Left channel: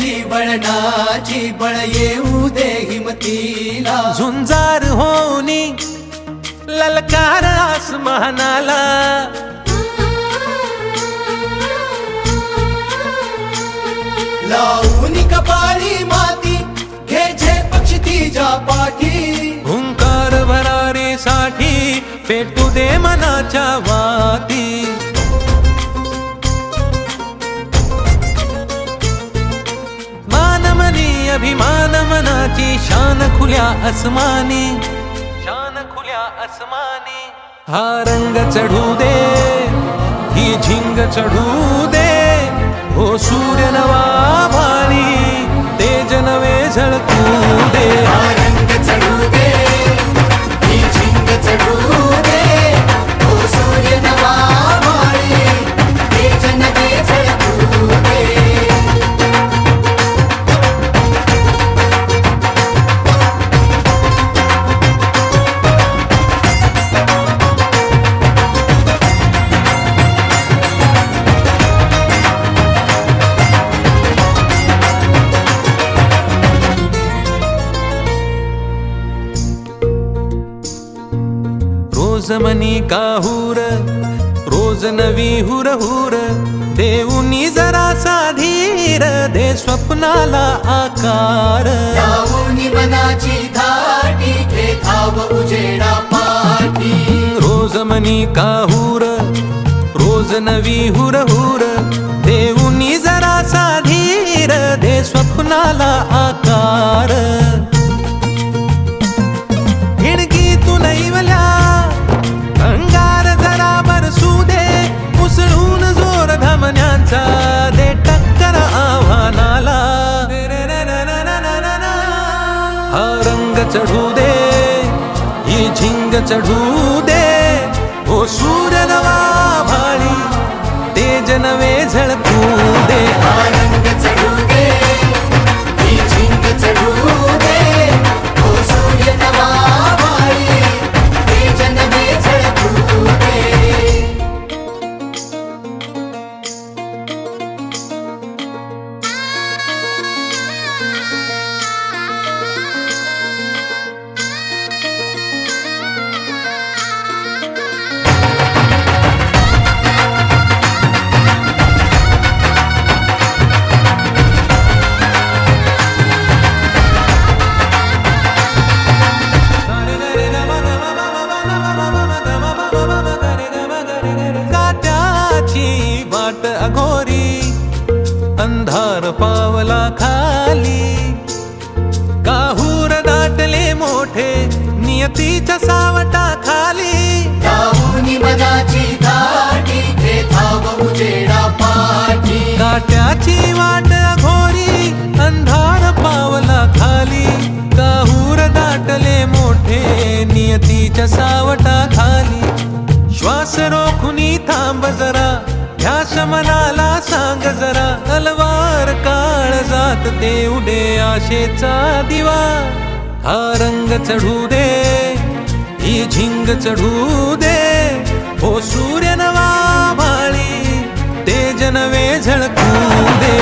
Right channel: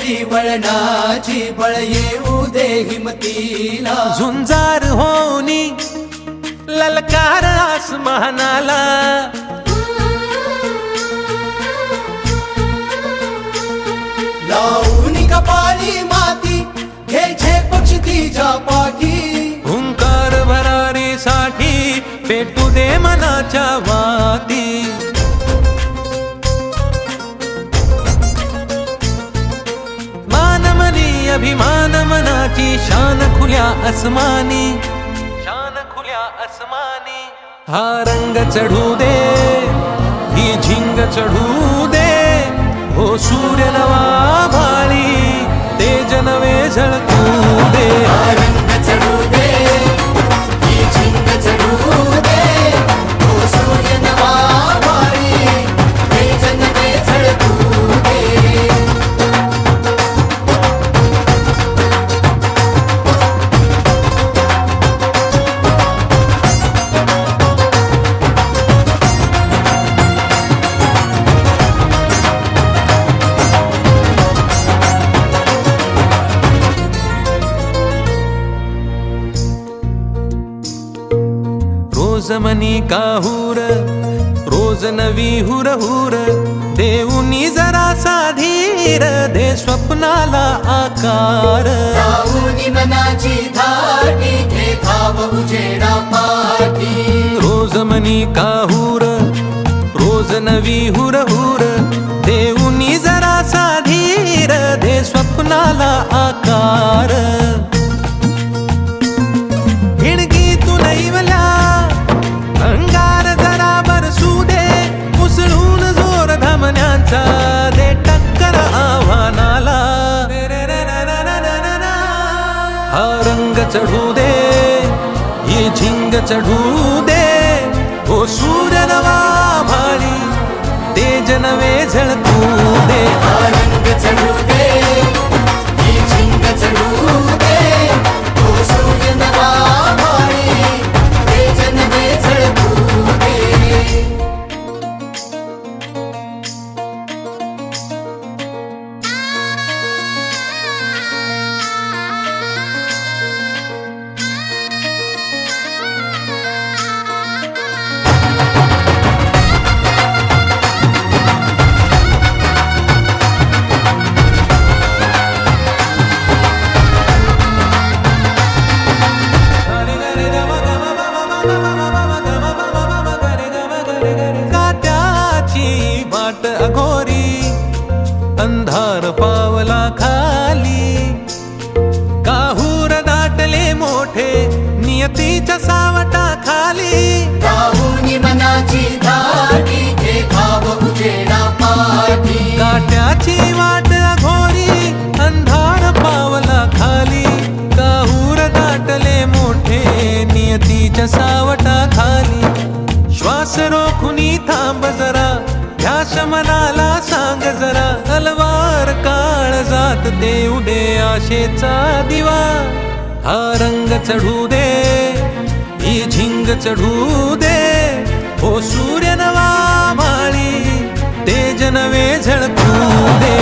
पंढरी वळणाची बळ येऊ दे हिमतीला झुंजार होनी ललकार आसमानाला लावून कपाळी माती घ्यायचे पक्षी तिच्या पाठी हुंकार भरारीसाठी पेटू दे मनाच्या वाती मानमनी अभिमान मनाची शान खुल्या आसमानी शान खुल्या आसमानी हा रंग चढू दे ही झिंग चढू दे हो सूर्य नवा भाळी तेज नवे झळकू दे रंग चढू दे ही झिंग चढू दे हो सूर्य नवा भाळी तेज नवे झळकू दे रोज मनी काहूर रोज नवी हुर हुर देऊनी जरा साधीर दे स्वप्नाला आकार लावून मनाची धाटी घे धाव उजेडा पाठी रोज मनी काहूर रोज नवी हुर हुर देऊनी जरा साधीर दे स्वप्नाला आकार हिणगी तू नैवल्या अंगार जरा बरसू दे उसळून जोर धमन्यांचा दे टक्कर आव्हानाला हा रंग चढू दे ही झिंग चढू दे ओ सूर्य नवा भाळी तेज नवे झळकू दे रंग चढू दे ही झिंग चढू दे हो सूर्य नवा भाळी तेज नवे झळकू दे काट्याची वाट अघोरी अंधार पावला खाली काहूर दाटले मोठे नियतीच्या सावटा खाली लावून मनाची धाटी घे धाव उजेडा पाठी काट्याची वाट अघोरी अंधार पावला खाली काहूर दाटले मोठे नियतीच्या सावटा खाली श्वास रोखुनी थांब जरा ध्यास मनाला सांग जरा तलवार काळ जात देऊ दे आशेचा दिवा हा रंग चढू दे ही झिंग चढू दे हो सूर्य नवा भाळी तेज नवे झळकू दे